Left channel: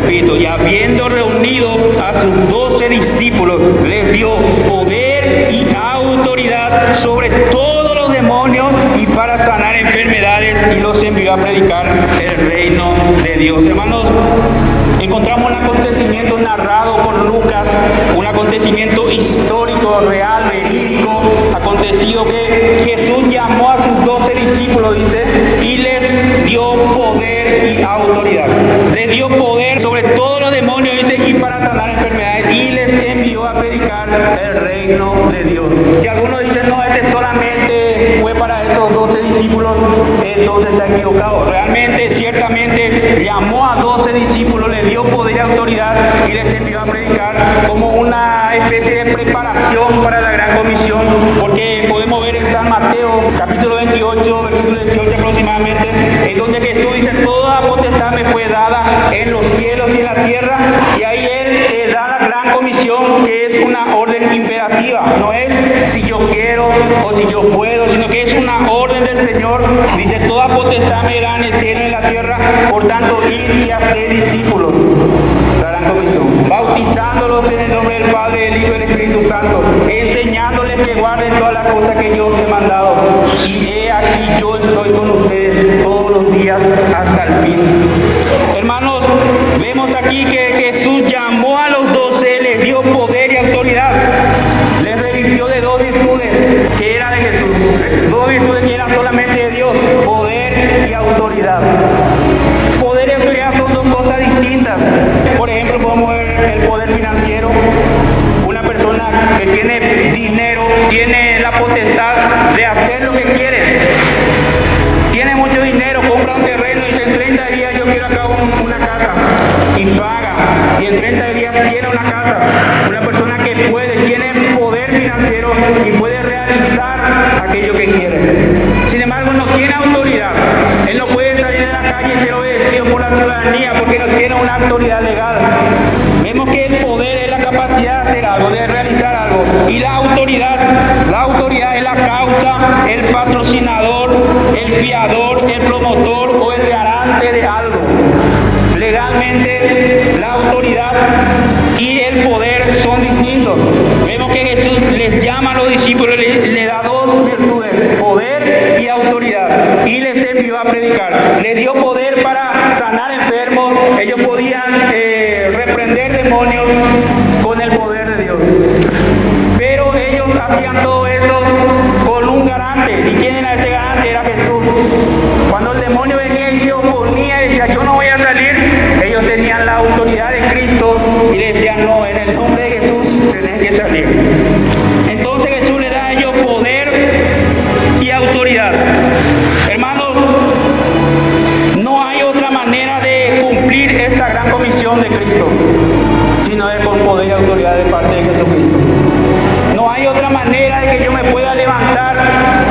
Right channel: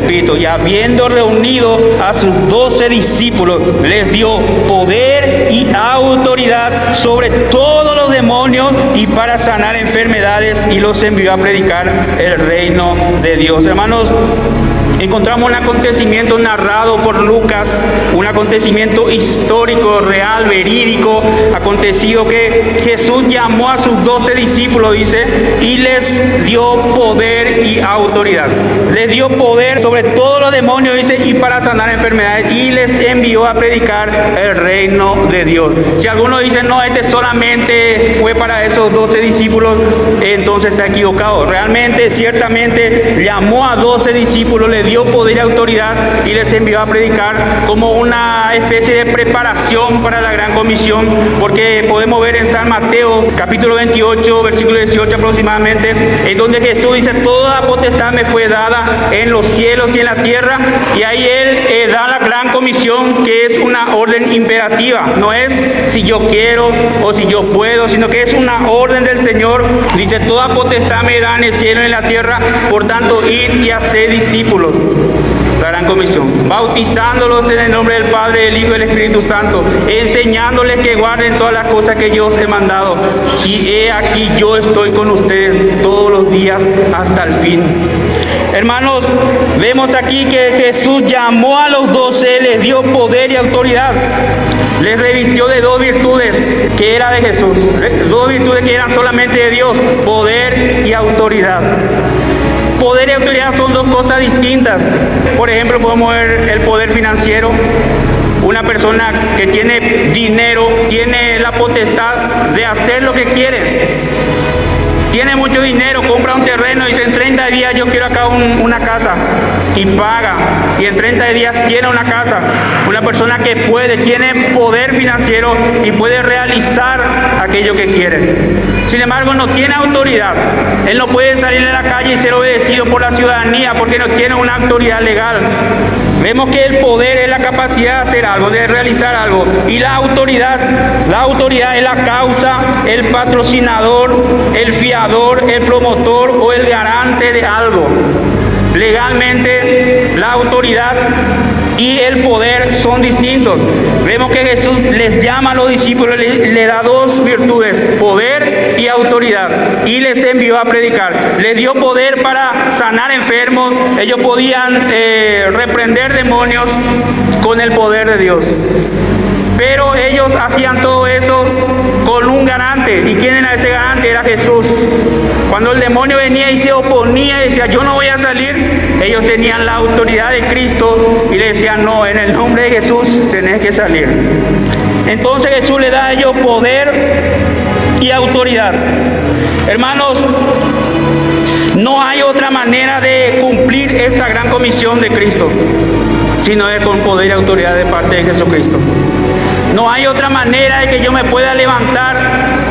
Repito, y habiendo reunido a sus 12 discípulos, les dio poder y autoridad sobre todos los demonios y para sanar enfermedades, y los envió a predicar el reino de Dios. Hermanos, encontramos un acontecimiento narrado por Lucas, un acontecimiento histórico, real, verídico, acontecido que Jesús llamó a sus 12 discípulos, dice, y les dio poder y autoridad. Les dio poder sobre todos los demonios, dice, y para sanar enfermedades, y les envió a predicar el reino de Dios. Si alguno dice, no, este solamente fue para esos 12 discípulos, entonces está equivocado. Realmente, ciertamente, llamó a 12 discípulos, les dio poder y autoridad y les envió a predicar como una especie de preparación para la gran comisión, porque podemos ver en San Mateo, capítulo 28, versículo 18 aproximadamente, en donde Jesús dice, toda potestad me fue dada en los cielos y en la tierra, y ahí Él da la gran comisión, que es una orden imperativa, no es si yo quiero o si yo puedo, sino que es una orden del Señor. Dice, toda potestad me da en el cielo y en la tierra, por tanto, id y haced discípulos. La gran comisión, bautizándolos en el nombre del Padre, del Hijo y del Espíritu Santo, enseñándoles que guarden todas las cosas que yo os he mandado, y he aquí yo estoy con ustedes todos los días hasta el fin. Hermanos, vemos aquí que Jesús llamó a los 12, les dio poder y autoridad, les revistió de dos virtudes que era de Jesús, dos virtudes que eran solamente de Dios, poder y autoridad. Poder y autoridad son dos cosas distintas. Por ejemplo, podemos ver el poder financiero. Una persona que tiene dinero tiene la potestad de hacer lo que quiere. Tiene mucho dinero, compra un terreno y dice, en 30 días yo quiero acá una casa, y paga, y en 30 días tiene una casa. Una persona que tiene poder financiero y puede realizar aquello que quiere. Sin embargo, no tiene autoridad. Él no puede salir a la calle y ser obedecido por la ciudadanía porque no tiene una autoridad legal. Vemos que el poder es la capacidad de hacer algo, de realizar algo, y la autoridad es la causa, el patrocinador, el fiador, el promotor o el garante de algo. Legalmente, la autoridad y el poder son distintos. Vemos que Jesús les llama a los discípulos, les da dos virtudes, poder y autoridad, y les envió a predicar. Les dio poder para sanar enfermos. Ellos podían reprender demonios con el poder de Dios, pero ellos hacían todo eso con un garante. ¿Y quién era ese garante? Era Jesús. Cuando el demonio venía y se oponía y decía, yo no voy a salir, ellos tenían la autoridad de Cristo y le decían, no, en el nombre de Jesús tenés que salir. Entonces Jesús le da a ellos poder y autoridad. Hermanos, no hay otra manera de cumplir esta gran comisión de Cristo, sino es con poder y autoridad de parte de Jesucristo. No hay otra manera de que yo me pueda levantar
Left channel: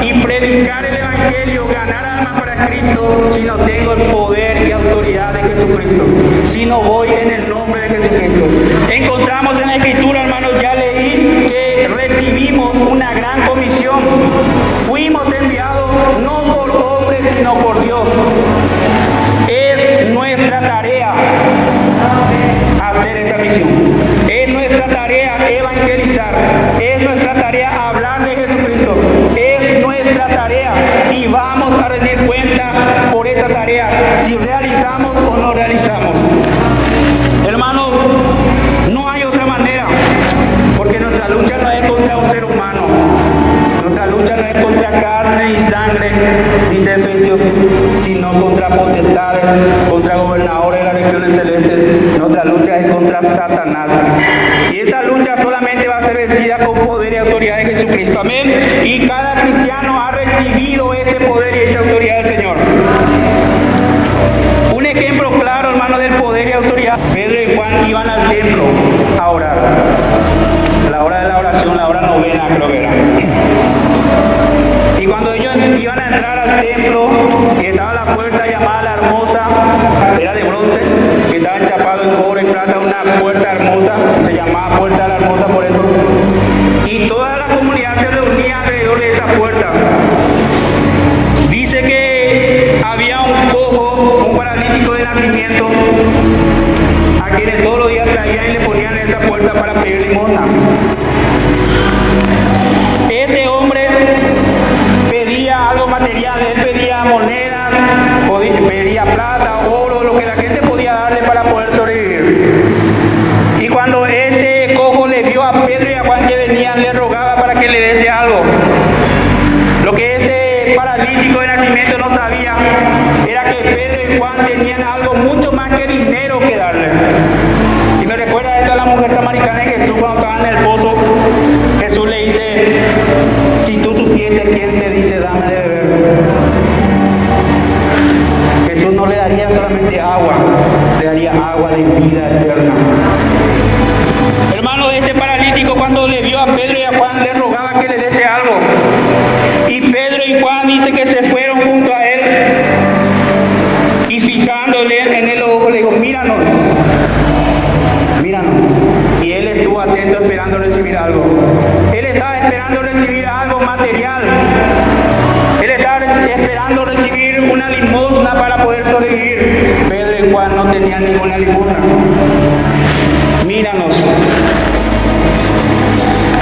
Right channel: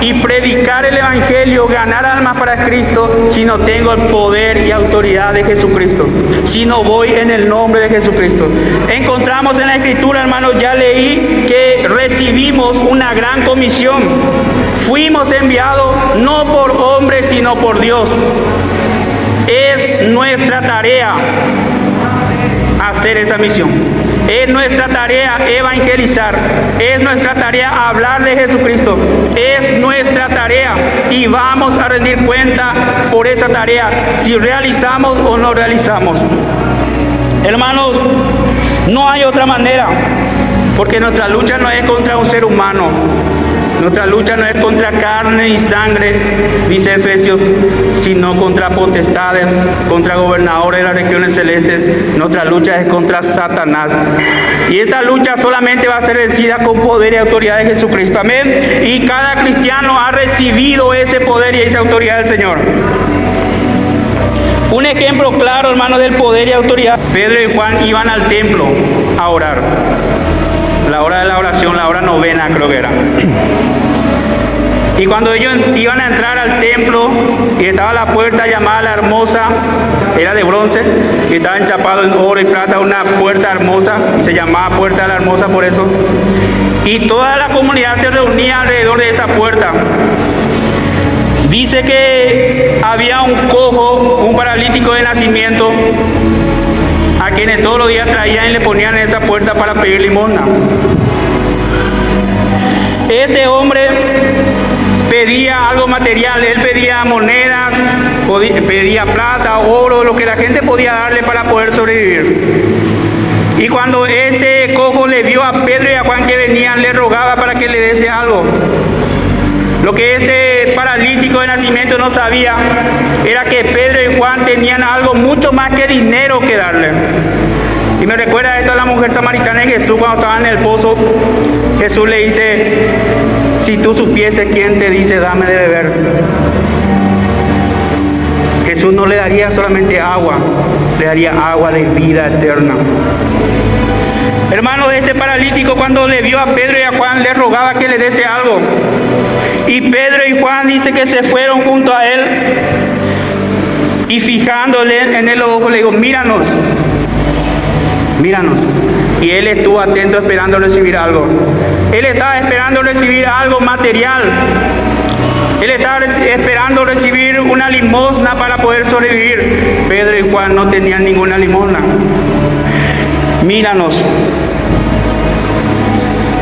y predicar el Evangelio, ganar almas para Cristo, si no tengo el poder y autoridad de Jesucristo, si no voy en el nombre de Jesucristo. Encontramos en la Escritura, hermanos, ya leí que recibimos una gran comisión. Fuimos enviados no por hombres, sino por Dios. Es nuestra tarea hacer esa misión. Es nuestra tarea evangelizar. Es nuestra tarea hablar de Jesucristo. Es nuestra tarea y vamos a rendir cuenta por esa tarea, si realizamos o no realizamos. Hermanos, no hay otra manera, porque nuestra lucha no es contra un ser humano. Nuestra lucha no es contra carne y sangre, dice Efesios, sino contra potestades, contra gobernadores de las regiones celestes. Nuestra lucha es contra Satanás. Y esta lucha solamente va a ser vencida con poder y autoridad de Jesucristo. Amén. Y cada cristiano ha recibido ese poder y esa autoridad del Señor. Un ejemplo claro, hermano, del poder y autoridad. Pedro y Juan iban al templo a orar. La hora de la oración, la hora novena creo que era. Y cuando ellos iban a entrar al templo y estaba la puerta llamada la Hermosa, era de bronce, y estaba enchapado en oro y plata, una puerta hermosa, se llamaba Puerta de la Hermosa por eso. Y toda la comunidad se reunía alrededor de esa puerta. Dice que había un cojo, un paralítico de nacimiento, dice algo. Lo que este paralítico de nacimiento no sabía era que Pedro y Juan tenían algo mucho más que dinero que darle. Y me recuerda esto a la mujer samaritana de Jesús cuando estaba en el pozo. Jesús le dice, si tú supieses quién te dice dame de beber. Jesús no le daría solamente agua, le daría agua de vida eterna. Hermano, de este paralítico cuando le vio a Pedro y a Juan le rogaba que le diese algo. Y Pedro y Juan dice que se fueron junto a él y fijándole en el ojo le dijo, míranos. Y él estuvo atento esperando recibir algo. Él estaba esperando recibir algo material. Él estaba esperando recibir una limosna para poder sobrevivir. Pedro y Juan no tenían ninguna limosna. Míranos.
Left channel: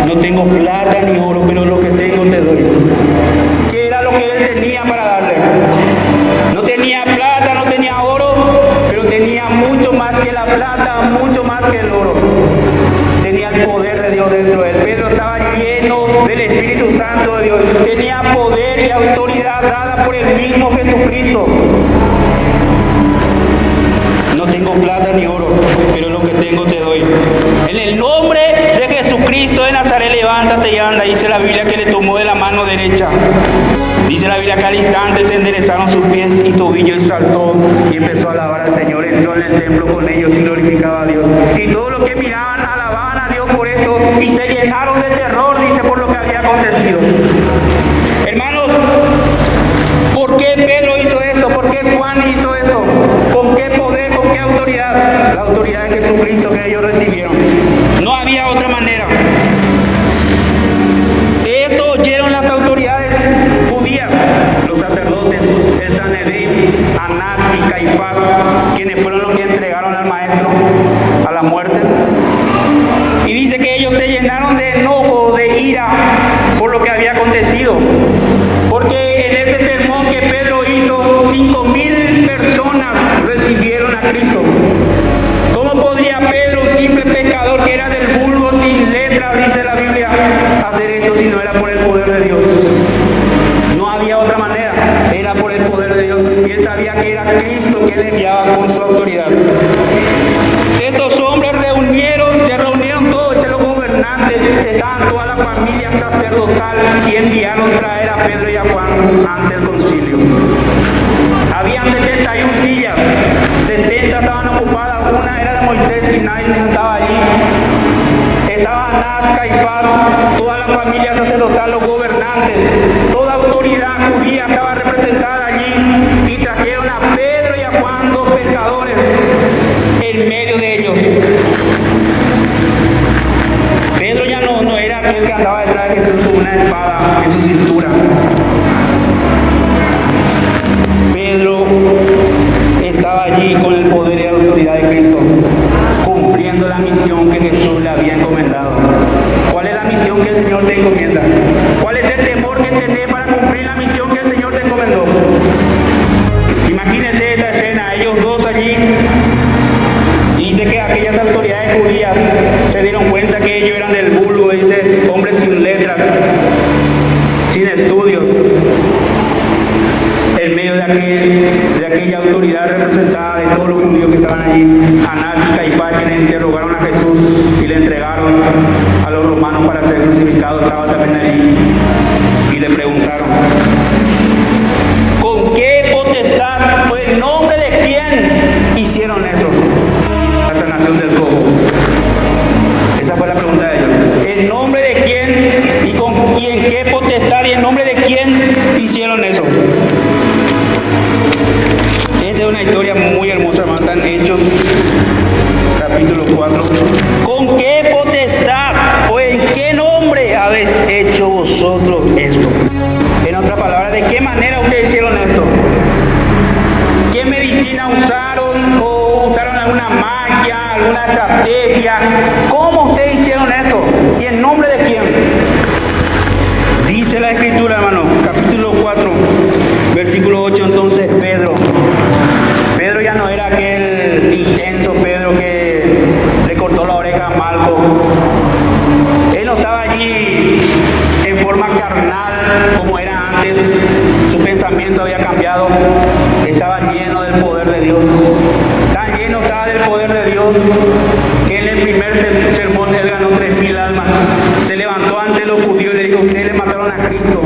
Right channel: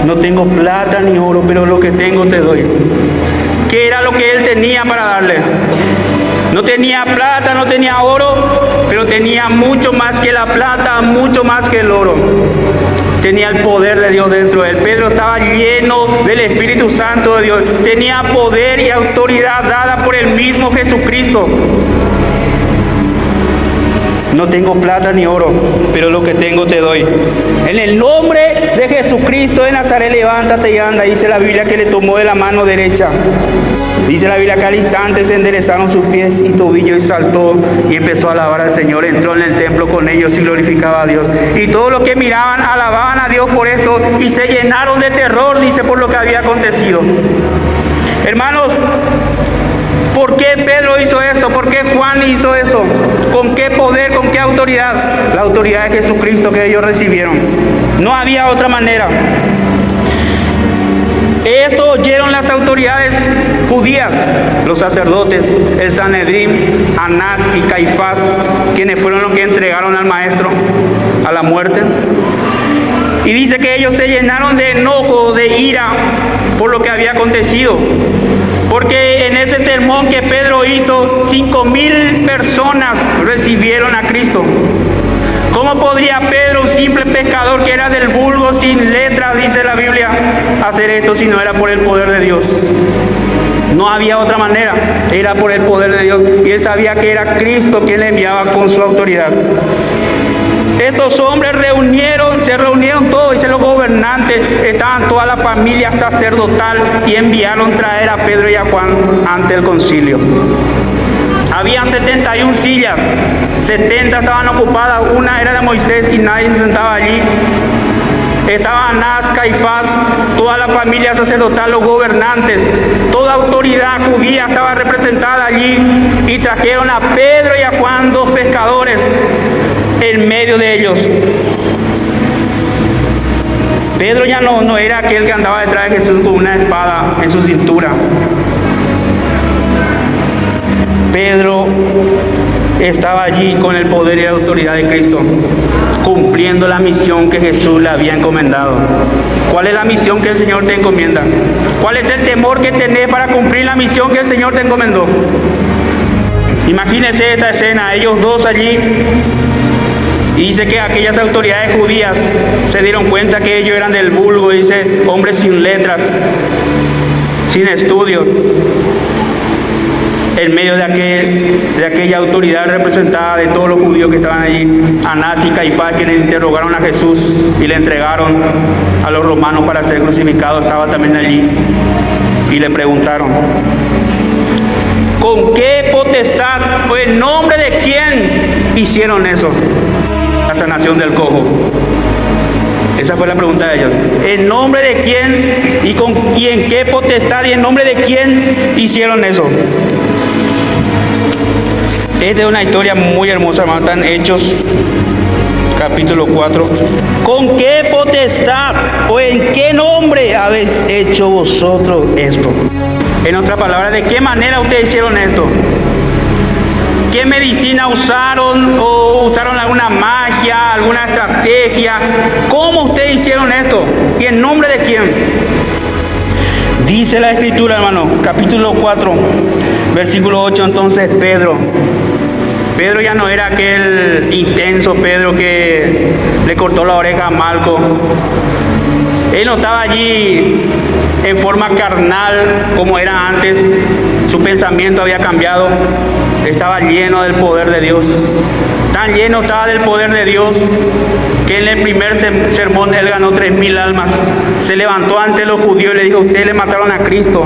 No tengo plata ni oro, pero lo que tengo te doy. ¿Qué era lo que él tenía para darle? No tenía plata, no tenía oro, pero tenía mucho más que la plata, mucho más que el oro. Tenía el poder de Dios dentro de él. Pedro estaba lleno del Espíritu Santo de Dios. Tenía poder y autoridad dada por el mismo Jesucristo. No tengo plata ni oro, pero lo que tengo te doy. En el nombre de Jesucristo de Nazaret, levántate y anda. Dice la Biblia que le tomó de la mano derecha. Dice la Biblia que al instante se enderezaron sus pies y tobillo y saltó y empezó a alabar al Señor. Entró en el templo con ellos y glorificaba a Dios. Y todos los que miraban alababan a Dios por esto y se llenaron de terror, dice, por lo que había acontecido. Hermanos, ¿por qué Pedro hizo esto? ¿Por qué Juan hizo esto? ¿Con qué poder? ¿Con qué autoridad? La autoridad de Jesucristo que ellos recibieron. No había otra manera. Esto oyeron las autoridades judías, los sacerdotes, el Sanedrín, Anás y Caifás, quienes fueron los que entregaron al maestro a la muerte. Y dice que ellos se llenaron de enojo, de ira por lo que había acontecido. Porque en ese sermón que Pedro hizo, 5,000 personas recibieron a Cristo. ¿Cómo podría Pedro, un simple pecador que era del vulgo, sin letras, dice la Biblia, hacer esto si no era por el poder de Dios? No había otra manera, era por el poder de Dios. Y él sabía que era Cristo quien le enviaba con su autoridad. Estos hombres se reunieron todos, dice los gobernantes, estaban toda la familia sacerdotal y enviaron traer a Pedro y a Juan ante el concilio. Habían 71 sillas, 70 estaban ocupadas, una era de Moisés y nadie se sentaba allí. Estaba Anás, Caifás, toda la familia sacerdotal, los gobernantes, toda autoridad judía estaba representada allí y trajeron a Pedro y a Juan, dos pescadores, en medio de ellos. Pedro ya no era aquel que andaba detrás de Jesús con una espada en su cintura. Pedro estaba allí con el poder y la autoridad de Cristo, cumpliendo la misión que Jesús le había encomendado. ¿Cuál es la misión que el Señor te encomienda? ¿Cuál es el temor que tenés para cumplir la misión que el Señor te encomendó? Imagínense esta escena, ellos dos allí, y dice que aquellas autoridades judías se dieron cuenta que ellos eran del vulgo, dice, hombres sin letras, sin estudio. En medio de aquella autoridad representada de todos los judíos que estaban allí, Anás y Caifás, quienes interrogaron a Jesús y le entregaron a los romanos para ser crucificado, estaba también allí y le preguntaron, ¿con qué potestad o en nombre de quién hicieron eso? La sanación del cojo. Esa fue la pregunta de ellos. ¿En nombre de quién y en qué potestad y en nombre de quién hicieron eso? Esta es una historia muy hermosa, hermano. Están Hechos, capítulo 4. ¿Con qué potestad o en qué nombre habéis hecho vosotros esto? En otras palabras, ¿de qué manera ustedes hicieron esto? ¿Qué medicina usaron o usaron alguna magia, alguna estrategia? ¿Cómo ustedes hicieron esto? ¿Y en nombre de quién? Dice la Escritura, hermano, capítulo 4, versículo 8, entonces Pedro ya no era aquel intenso Pedro que le cortó la oreja a Malco. Él no estaba allí en forma forma carnal como era antes. Su pensamiento había cambiado. Estaba lleno del poder de Dios. Tan lleno estaba del poder de Dios que en el primer sermón él ganó 3.000 almas. Se levantó ante los judíos y le dijo: ustedes le mataron a Cristo.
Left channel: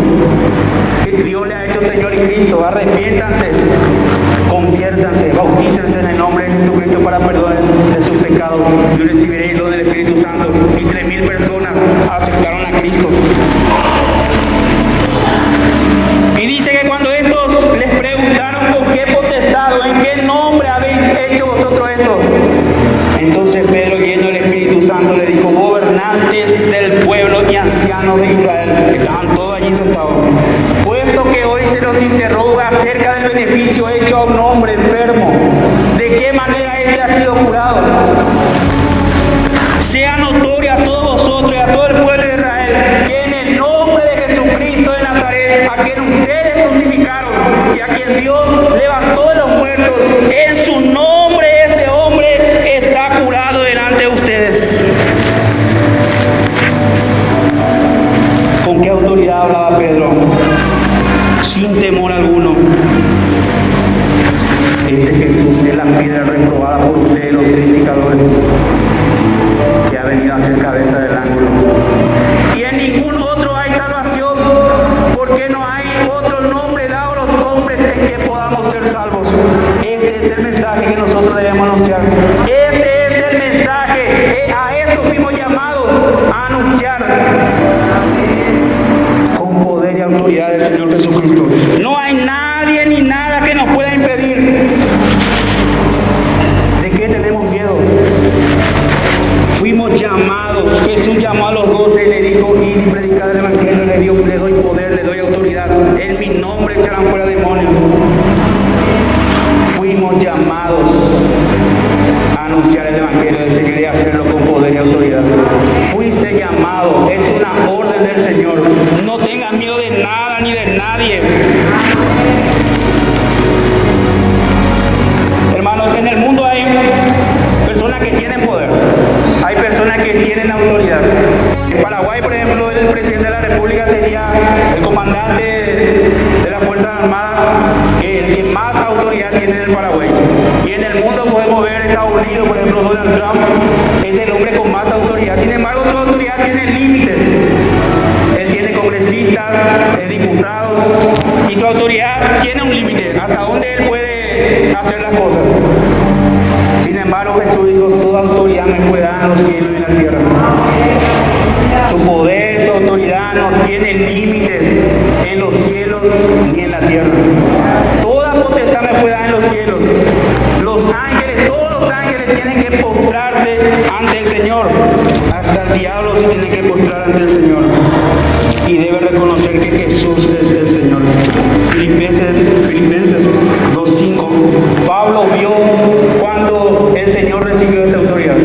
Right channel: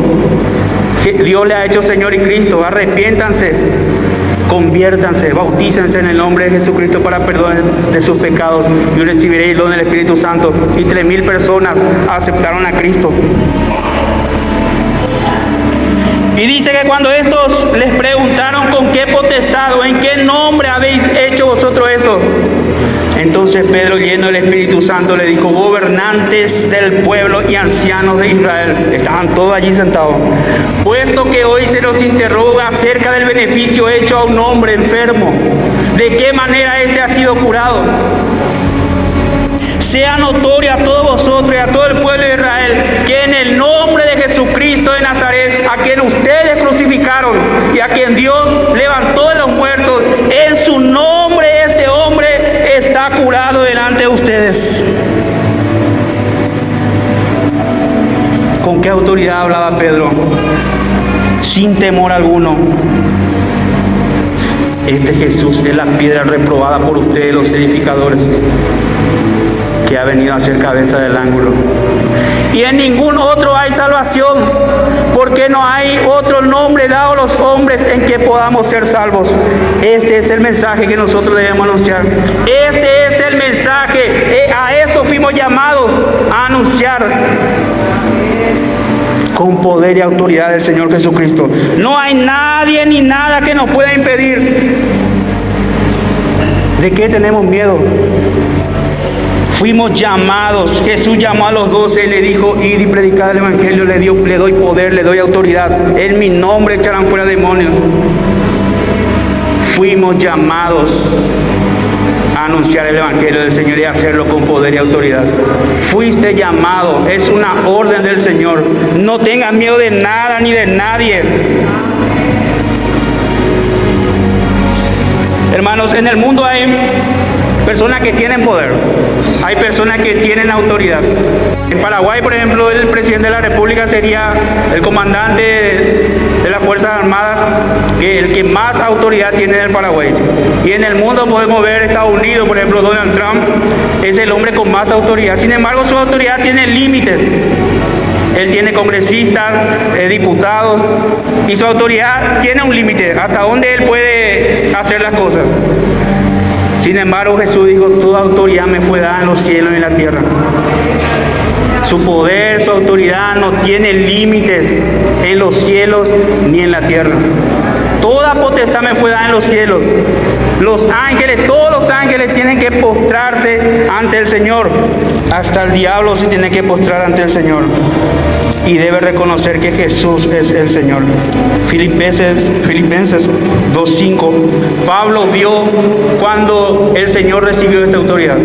Dios le ha hecho Señor y Cristo. Arrepiéntanse, conviértanse, bautícense en el nombre de Jesucristo para perdón de sus pecados y recibiréis el don del Espíritu Santo. Y 3.000 personas aceptaron a Cristo. Y dice que cuando estos les preguntaron con qué potestad o en qué nombre habéis hecho vosotros esto, entonces Pedro, lleno del Espíritu Santo, le dijo: gobernantes del pueblo y ancianos de Israel, estaban todos allí sentados, puesto que hoy se nos interroga acerca del beneficio hecho a un hombre enfermo, de qué manera éste ha sido curado, sea notorio a todos vosotros y a todo el pueblo de Israel que en el nombre de Jesucristo de Nazaret, a quien ustedes crucificaron y a quien Dios levantó de los muertos, en su nombre este hombre está curado delante de ustedes. ¿Con qué autoridad hablaba Pedro? Sin temor alguno. Este Jesús es la piedra reprobada por ustedes los edificadores, que ha venido a ser cabeza del ángulo. Y en ningún otro hay salvación, porque no hay otro nombre dado a los hombres en que podamos ser salvos. Este es el mensaje que nosotros debemos anunciar. Este es el mensaje. A esto fuimos llamados a anunciar con poder y autoridad del Señor Jesucristo. No hay nadie ni nada que nos pueda impedir. ¿De qué tenemos miedo? Fuimos llamados. Jesús llamó a los 12 y le dijo: id y predicad el evangelio. Le doy poder, le doy autoridad. En mi nombre echarán fuera demonios. Fuimos llamados a anunciar el evangelio del Señor y a hacerlo con poder y autoridad. Fuiste llamado, es una orden del Señor. No tengas miedo de nada ni de nadie. Hermanos, en el mundo hay personas que tienen poder, hay personas que tienen autoridad. En Paraguay, por ejemplo, el presidente de la República sería el comandante de las Fuerzas Armadas, el que más autoridad tiene en el Paraguay. Y en el mundo podemos ver Estados Unidos, por ejemplo, Donald Trump es el hombre con más autoridad. Sin embargo, su autoridad tiene límites. Él tiene congresistas, diputados, y su autoridad tiene un límite, hasta donde él puede hacer las cosas. Sin embargo, Jesús dijo: toda autoridad me fue dada en los cielos y en la tierra. Su poder, su autoridad no tiene límites en los cielos ni en la tierra. Toda potestad me fue dada en los cielos. Los ángeles, todos los ángeles tienen que postrarse ante el Señor. Hasta el diablo se tiene que postrar ante el Señor. Y debe reconocer que Jesús es el Señor. Filipenses 2:5. Pablo vio cuando el Señor recibió esta autoridad.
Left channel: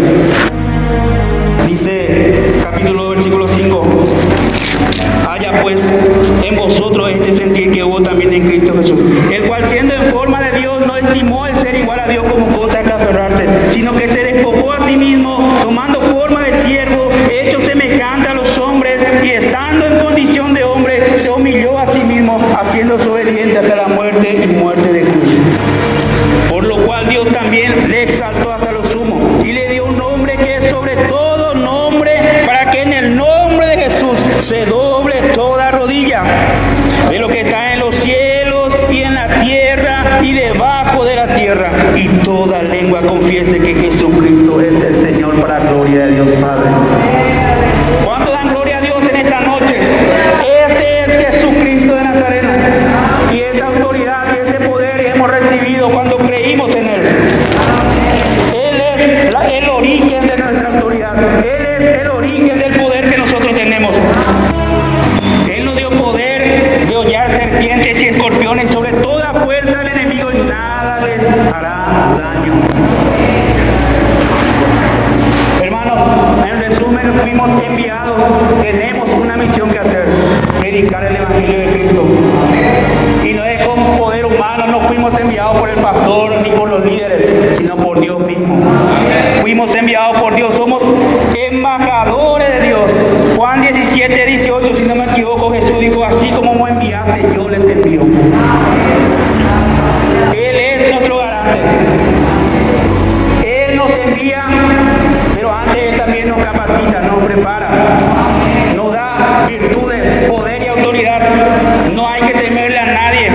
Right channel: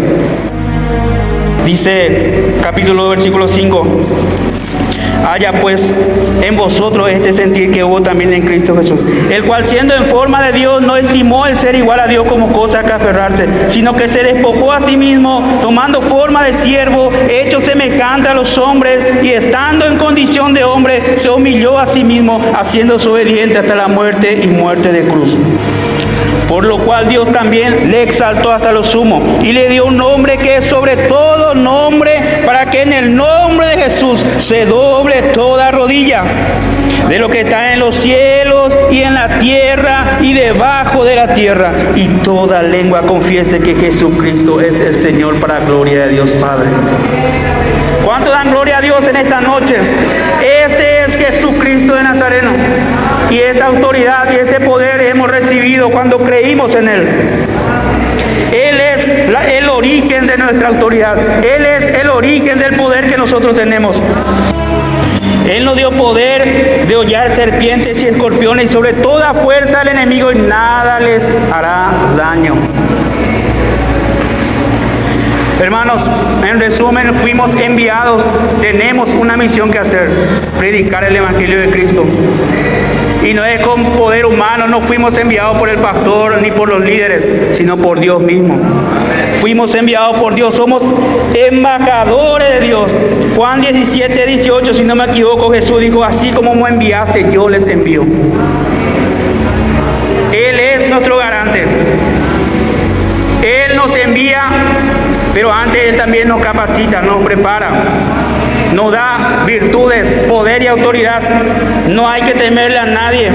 Dice, capítulo versículo 5: haya pues en vosotros este sentir que hubo también en Cristo Jesús, el cual siendo en forma de Dios no estimó el ser igual a Dios como cosa que aferrarse, sino que se despojó a sí mismo, tomando forma de siervo, hecho semejante a los hombres, y estando en condición de hombre, se humilló a sí mismo, haciéndose obediente hasta la muerte y muerte de cruz. Por lo cual Dios también le exaltó hasta lo sumo y le dio un nombre que es sobre todo nombre, para que en el nombre de Jesús se doble toda rodilla, de lo que está en los cielos y en la tierra y debajo de la tierra, y toda lengua confiese que Jesucristo es el Señor, para gloria de Dios Padre. ¿Cuánto dan gloria a Dios en esta noche? Este es Jesucristo de Nazaret, y esta autoridad y este poder hemos recibido cuando creímos en Él. Él es el origen de nuestra autoridad. Él es el origen del poder que nosotros tenemos. Él nos dio poder de hollar serpientes y escorpiones, y sobre toda fuerza del enemigo, y nada les hará daño. Hermanos, en resumen, fuimos enviados, tenemos una misión que hacer: predicar el Evangelio de Cristo. Y no es con poder humano, no fuimos enviados por el pastor ni por los líderes, sino por Dios mismo. Fuimos enviados por Dios, somos embajadores de Dios. Juan 17:18, si no me equivoco, Jesús capacita, nos prepara, nos da virtudes, poder y autoridad. No hay que temerle a nadie.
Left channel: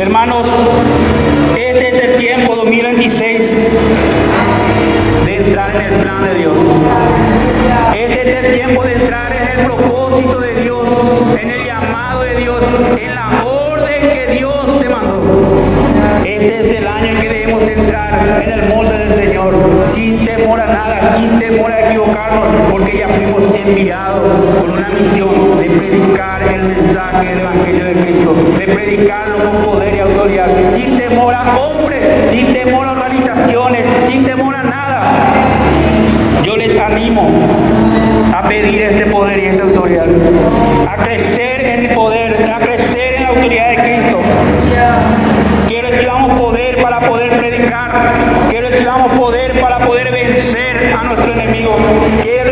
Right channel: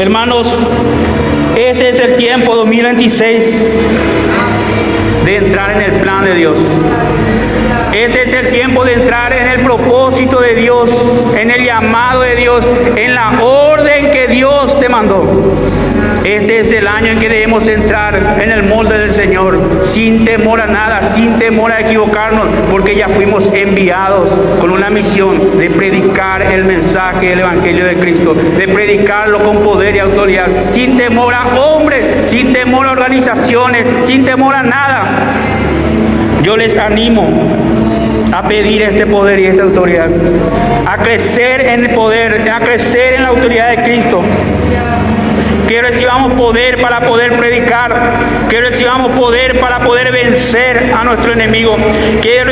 Hermanos, este es el tiempo 2026 de entrar en el plan de Dios. Este es el tiempo de entrar en el propósito de Dios, en el llamado de Dios, en la orden que Dios te mandó. Este es el año en que debemos entrar en el molde del Señor, sin temor a nada, sin temor a equivocarnos, porque ya fuimos enviados con una misión de predicar el mensaje del Evangelio de Cristo, de predicarlo con poder y autoridad, sin temor a hombres, sin temor a organizaciones, sin temor a nada. Yo les animo a pedir este poder y esta autoridad, a crecer en el poder, a crecer en la autoridad de Cristo. Que recibamos poder para poder predicar, que recibamos poder para poder vencer a nuestro enemigo, que